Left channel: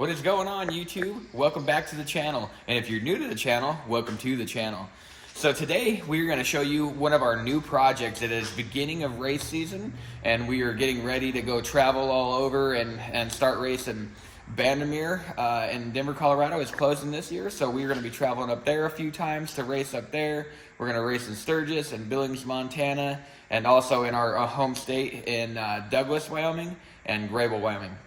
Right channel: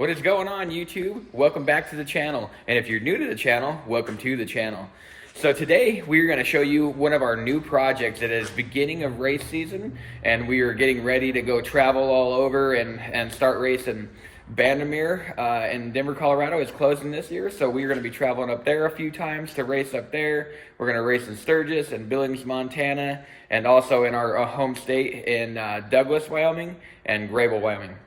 What is going on, YouTube? Welcome back to the channel. And if you're new to the channel, welcome to the channel. So today we're going to show you one of our new projects. It is beginning of race season, and we are getting ready to go travel all over and start racing. Bandimere in Denver, Colorado is closing this year, so we're going to be traveling up there a few times to race up there. We're going to race in Sturgis and Billings, Montana, and also in our home state in Douglas, Wyoming, and Grable, Wyoming.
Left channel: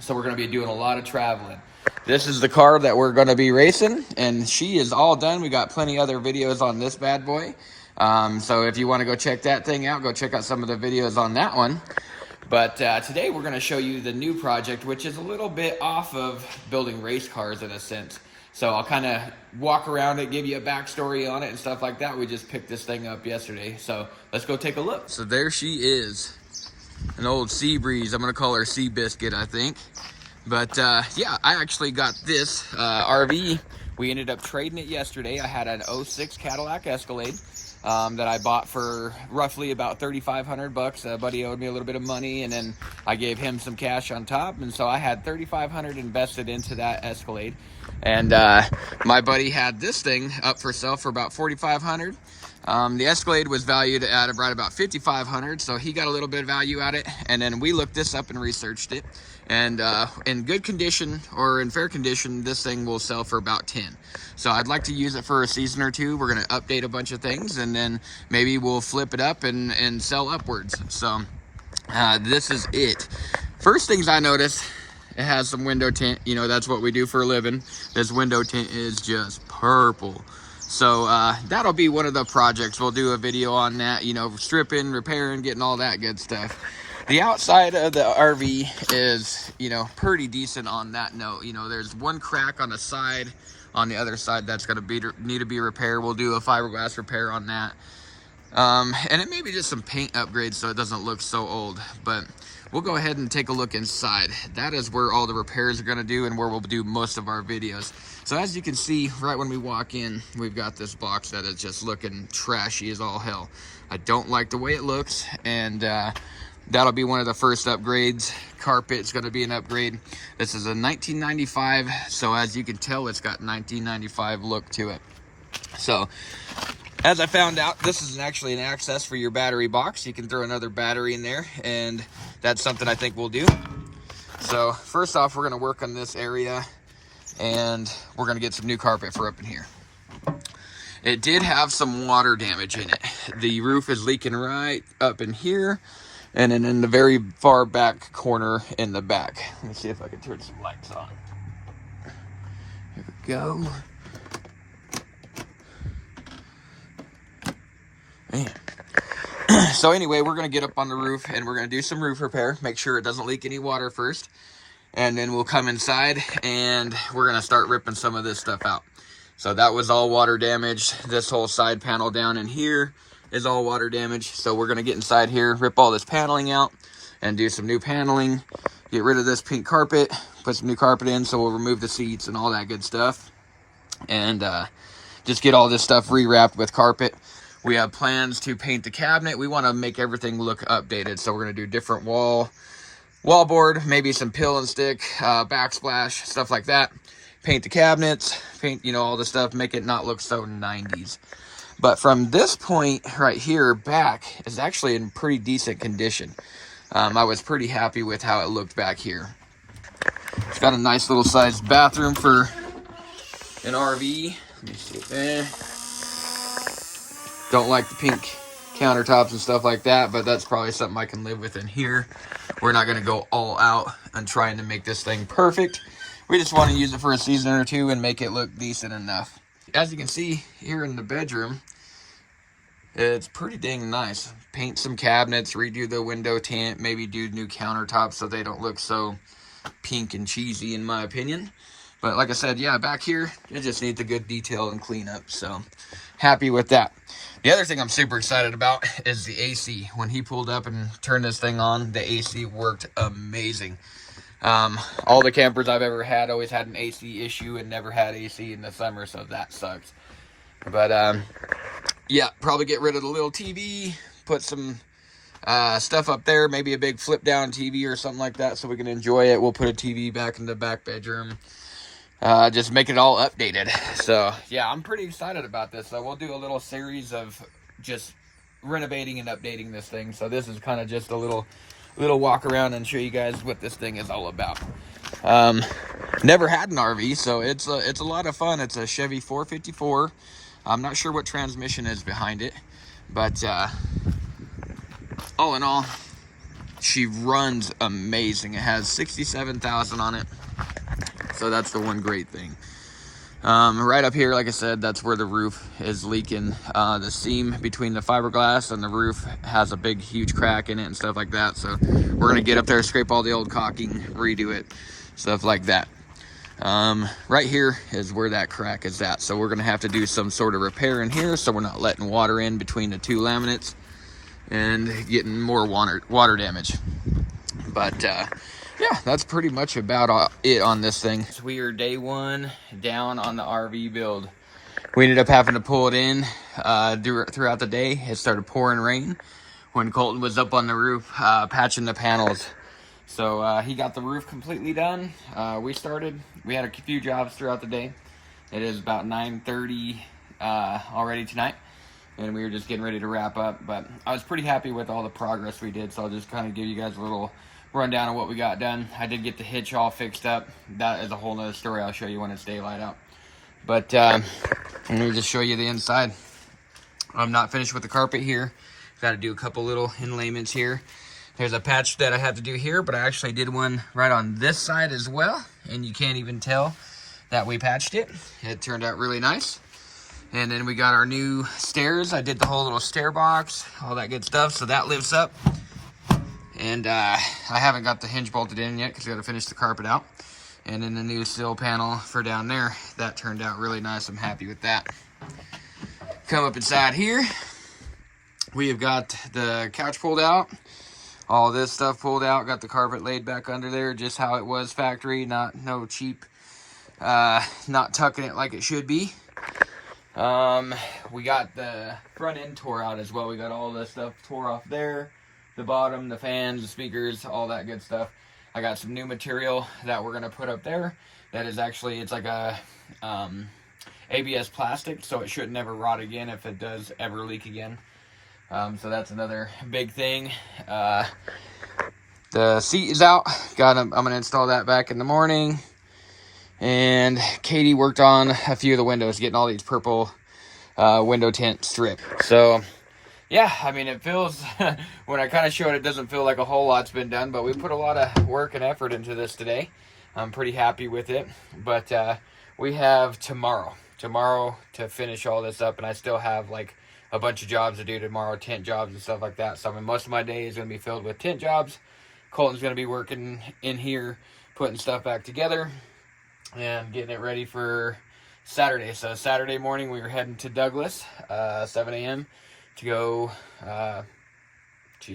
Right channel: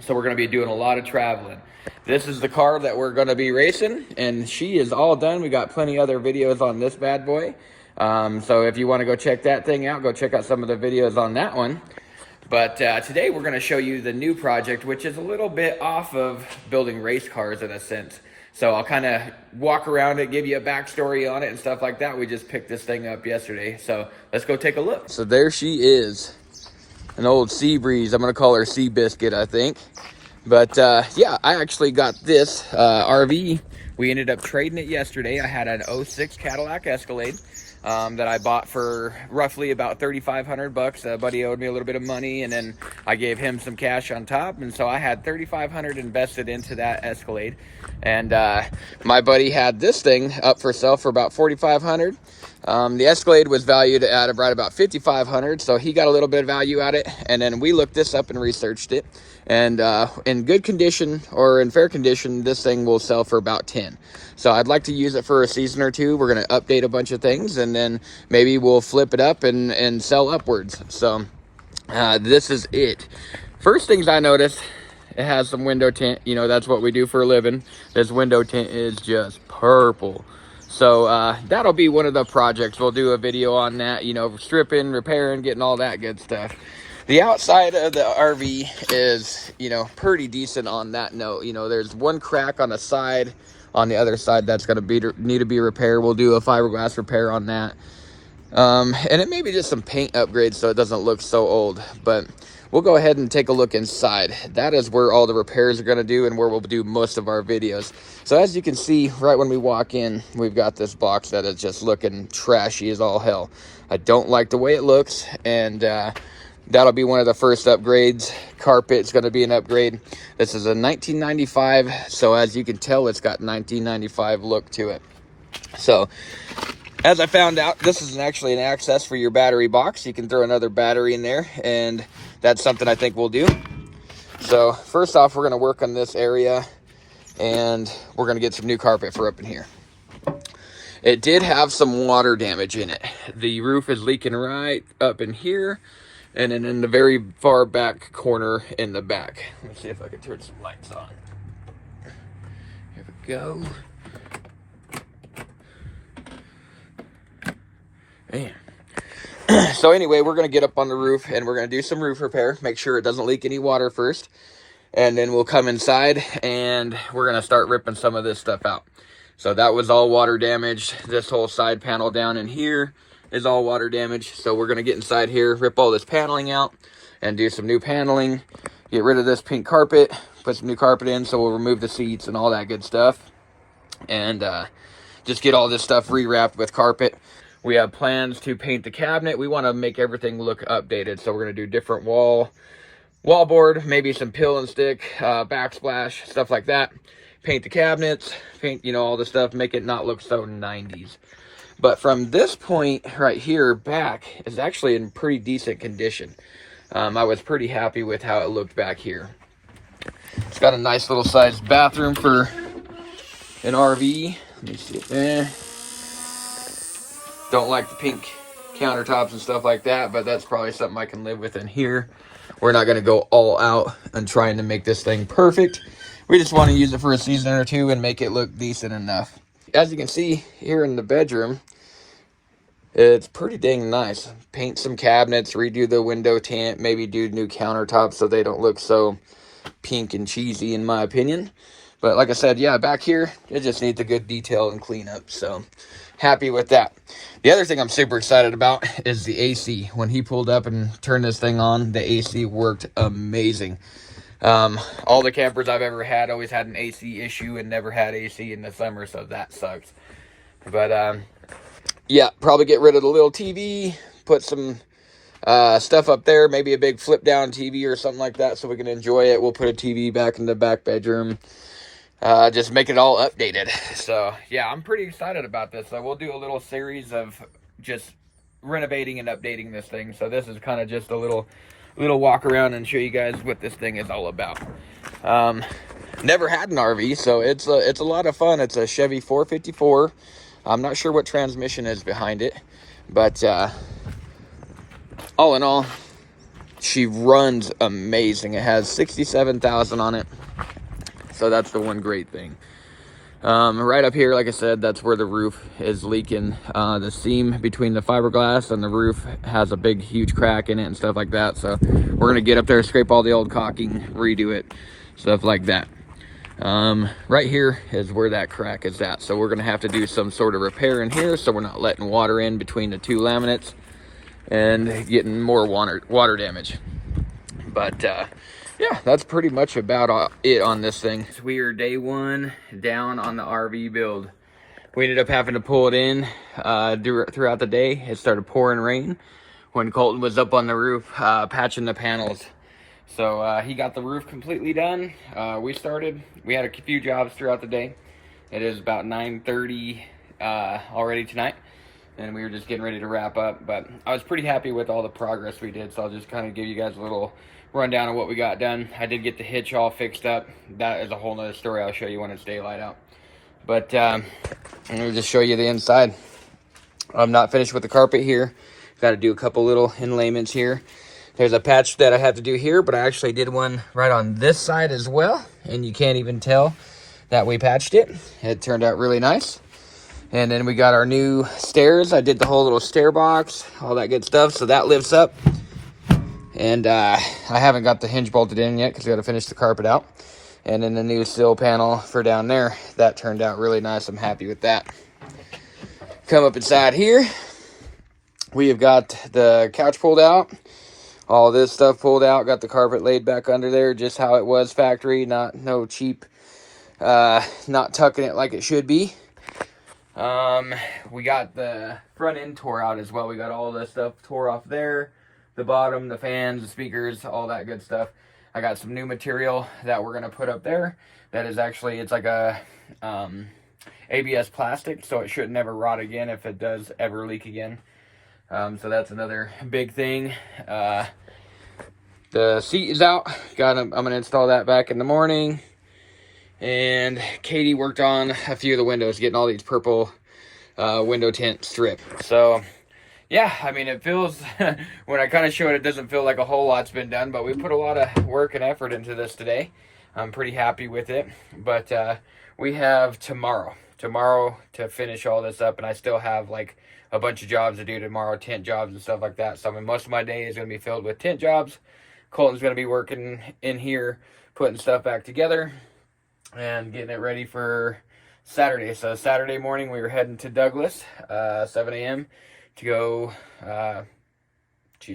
So we're going to be doing a lot of traveling. This is the car that we're going to be racing, and she is all done. We got plenty other videos on this bad boy. So if you want to go check that thing out, go check out some of the videos on that one. But today we're going to show you the new project, which is a little bit off of building race cars in a sense. So I'll kind of walk around it, give you a backstory on it and stuff like that. We just picked this thing up yesterday. So let's go take a look. So there she is. An old Sea Breeze. I'm going to call her Sea Biscuit, I think. But yeah, I actually got this RV. We ended up trading it yesterday. I had an 06 Cadillac Escalade that I bought for roughly about $3,500. A buddy owed me a little bit of money, and then I gave him some cash on top, and so I had $3,500 invested into that Escalade. And my buddy had this thing up for sale for about $4,500. The Escalade was valued at right about $5,500, so he got a little bit of value at it. And then we looked this up and researched it, and in good condition or in fair condition, this thing will sell for about $10,000. So I'd like to use it for a season or two. We're going to update a bunch of things, and then maybe we'll flip it up and sell upwards. So this is it. First things I noticed, it has some window tint. You know, that's what we do for a living. This window tint is just purple. So that'll be one of the projects. We'll do a video on that, you know, stripping, repairing, getting all that good stuff. The outside of the RV is, you know, pretty decent on that note. You know, there's one crack on the side. On the other side, that's going to need to be repaired. We'll do a fiberglass repair on that. And it may be just some paint upgrades so it doesn't look so old. But we'll go ahead and take a look inside. That is where all the repairs are going to do and where we'll do most of our videos. So as you can see, right when we walk in, we've got this box that is just looking trashy as all hell. I don't like the way it looks, and that'll be one of the first upgrades. Carpet's going to be an upgrade. This is a 1995, so as you can tell, it's got 1995 look to it. So as I found out, this is actually an access for your battery box. You can throw another battery in there, and that's something I think we'll do. So first off, we're going to work on this area, and we're going to get some new carpet for up in here. It did have some water damage in it. The roof is leaking right up in here, and then in the very far back corner in the back. Let me see if I can turn some lights on. Here we go. Man. So anyway, we're going to get up on the roof, and we're going to do some roof repair. Make sure it doesn't leak any water first. And then we'll come inside, and we're going to start ripping some of this stuff out. So that was all water damaged. This whole side panel down in here is all water damage. So we're going to get inside here, rip all this paneling out, and do some new paneling. Get rid of this pink carpet, put some new carpet in, so we'll remove the seats and all that good stuff. And just get all this stuff rewrapped with carpet. We have plans to paint the cabinet. We want to make everything look updated. So we're going to do different wall board, maybe some pill and stick, backsplash, stuff like that. Paint the cabinets, paint, you know, all the stuff, make it not look so 90s. But from this point right here back is actually in pretty decent condition. I was pretty happy with how it looked back here. It's got a nice little sized bathroom for an RV. Let me see. Don't like the pink countertops and stuff like that, but that's probably something I can live with in here. We're not going to go all out and trying to make this thing perfect. We just want to use it for a season or two and make it look decent enough. As you can see here in the bedroom, it's pretty dang nice. Paint some cabinets, redo the window tint, maybe do new countertops so they don't look so pink and cheesy in my opinion. But like I said, yeah, back here, it just needs a good detail and cleanup. So happy with that. The other thing I'm super excited about is the AC. When he pulled up and turned this thing on, the AC worked amazing. All the campers I've ever had always had an AC issue and never had AC in the summer, so that sucks. But yeah, probably get rid of the little TV, put some stuff up there, maybe a big flip down TV or something like that so we can enjoy it. We'll put a TV back in the back bedroom. Just make it all updated. So yeah, I'm pretty excited about this. So we'll do a little series of just renovating and updating this thing. So this is kind of just a little walk around and show you guys what this thing is all about. Never had an RV, so it's a lot of fun. It's a Chevy 454. I'm not sure what transmission is behind it, but all in all, she runs amazing. It has 67,000 on it. So that's the one great thing. Right up here, like I said, that's where the roof is leaking. The seam between the fiberglass and the roof has a big, huge crack in it and stuff like that. So we're gonna get up there, scrape all the old caulking, redo it, stuff like that. Right here is where that crack is at. So we're gonna have to do some sort of repair in here so we're not letting water in between the two laminates and getting more water damage. But yeah, that's pretty much about it on this thing. We are day one down on the RV build. We ended up having to pull it in throughout the day. It started pouring rain when Colton was up on the roof patching the panels. So he got the roof completely done. We had a few jobs throughout the day. It is about 9:30 already tonight, and we were just getting ready to wrap up. But I was pretty happy with all the progress we did, so I'll just kind of give you guys a little rundown of what we got done. I did get the hitch all fixed up. That is a whole nother story I'll show you when it's daylight out. But let me just show you the inside. I'm not finished with the carpet here. Got to do a couple little inlayments here. There's a patch that I have to do here, but I actually did one right on this side as well, and you can't even tell that we patched it. It turned out really nice. And then we got our new stairs. I did the whole little stair box, all that good stuff, so that lifts up. And I haven't got the hinge bolted in yet because we got to finish the carpet out. And then the new sill panel for down there, that turned out really nice. I'm happy with that. Come up inside here. We have got the couch pulled out. All this stuff pulled out. Got the carpet laid back under there just how it was factory. No cheap, not tucking it like it should be. We got the front end tore out as well. We got all this stuff tore off there. The bottom, the fans, the speakers, all that good stuff. I got some new material that we're going to put up there. That is actually, it's like a ABS plastic, so it should never rot again if it does ever leak again. So that's another big thing. The seat is out. I'm going to install that back in the morning. And Katie worked on a few of the windows, getting all these purple window tint strip. So yeah, I mean, it feels, when I kind of show it, it doesn't feel like a whole lot's been done, but we put a lot of work and effort into this today. I'm pretty happy with it, but we have tomorrow to finish all this up, and I still have like a bunch of jobs to do tomorrow, tint jobs and stuff like that. So I mean, most of my day is going to be filled with tint jobs. Colton's going to be working in here, putting stuff back together and getting it ready for Saturday. So Saturday morning, we were heading to Douglas, 7 a.m. to go, I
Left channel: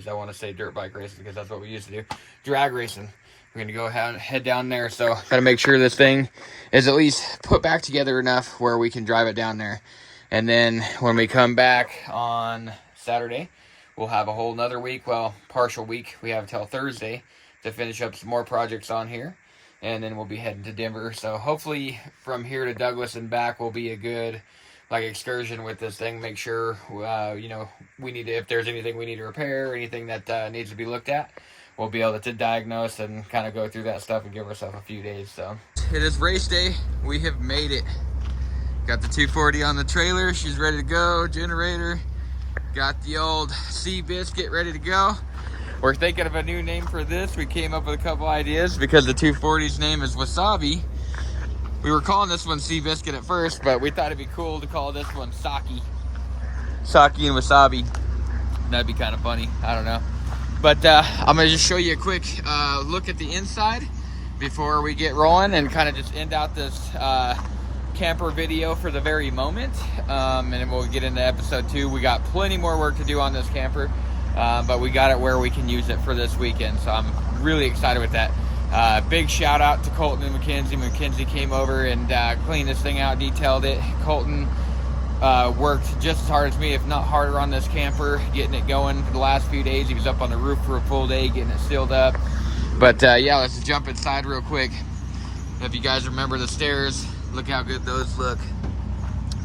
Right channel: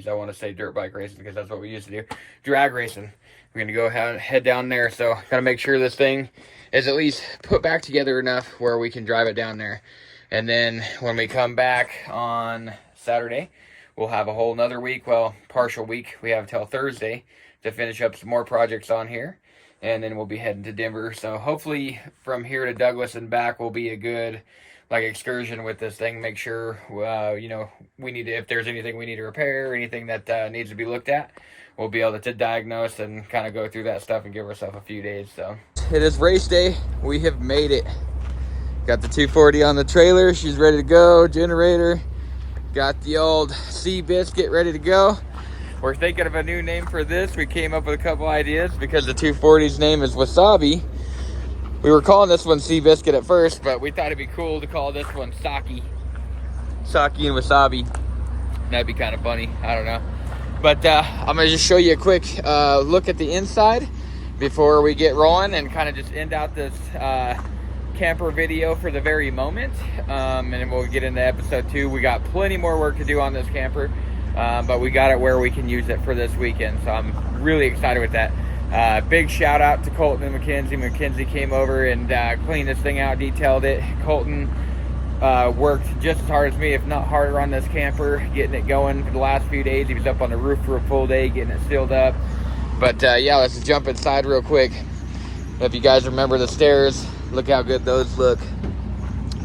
want to say dirt bike racing because that's what we used to do. Drag racing. We're going to go head down there. So got to make sure this thing is at least put back together enough where we can drive it down there. And then when we come back on Saturday, we'll have a whole nother week, well, partial week. We have till Thursday to finish up some more projects on here. And then we'll be heading to Denver. So hopefully from here to Douglas and back will be a good excursion with this thing. Make sure, we need to, if there's anything we need to repair, anything that needs to be looked at, we'll be able to diagnose and kind of go through that stuff and give ourselves a few days. So it is race day. We have made it. Got the 240 on the trailer. She's ready to go. Generator. Got the old Seabiscuit ready to go. We're thinking of a new name for this. We came up with a couple ideas because the 240's name is Wasabi. We were calling this one Seabiscuit at first, but we thought it'd be cool to call this one Saki. Saki and Wasabi. That'd be kind of funny. I don't know. But I'm going to just show you a quick look at the inside before we get rolling and kind of just end out this camper video for the very moment. And then we'll get into episode 2. We got plenty more work to do on this camper, but we got it where we can use it for this weekend. So I'm really excited with that. Big shout out to Colton and Mackenzie. Mackenzie came over and cleaned this thing out, detailed it. Colton worked just as hard as me, if not harder, on this camper, getting it going for the last few days. He was up on the roof for a full day, getting it sealed up. But yeah, let's just jump inside real quick. If you guys remember the stairs, look how good those look.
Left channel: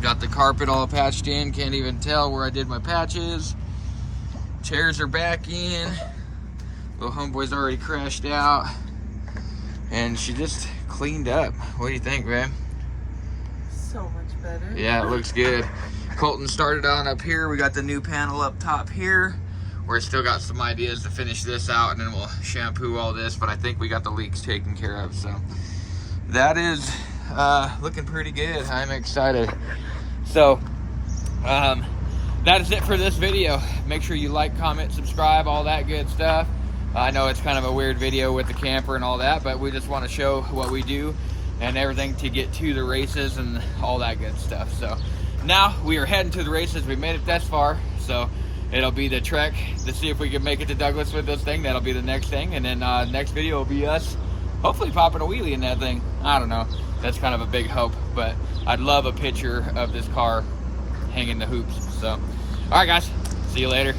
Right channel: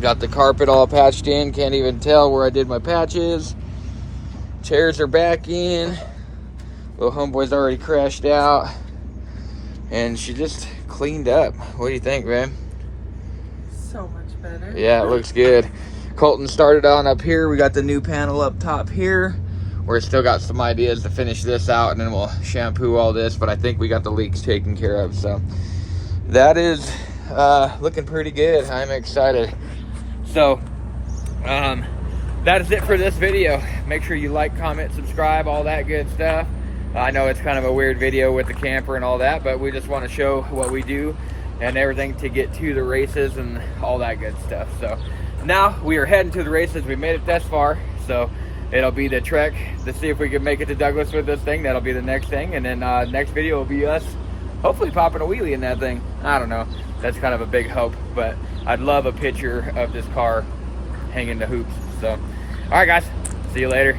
Got the carpet all patched in, can't even tell where I did my patches. Chairs are back in. Little homeboy's already crashed out. And she just cleaned up. What do you think, man? So much better. Yeah, it looks good. Colton started on up here. We got the new panel up top here. We're still got some ideas to finish this out, and then we'll shampoo all this, but I think we got the leaks taken care of. So that is looking pretty good. I'm excited. So that is it for this video. Make sure you like, comment, subscribe, all that good stuff. I know it's kind of a weird video with the camper and all that, but we just want to show what we do and everything to get to the races and all that good stuff. So now we are heading to the races. We made it this far, so it'll be the trek to see if we can make it to Douglas with this thing. That'll be the next thing, and then next video will be us hopefully popping a wheelie in that thing. I don't know, that's kind of a big hope, but I'd love a picture of this car hanging the hoops. So all right guys, see you later.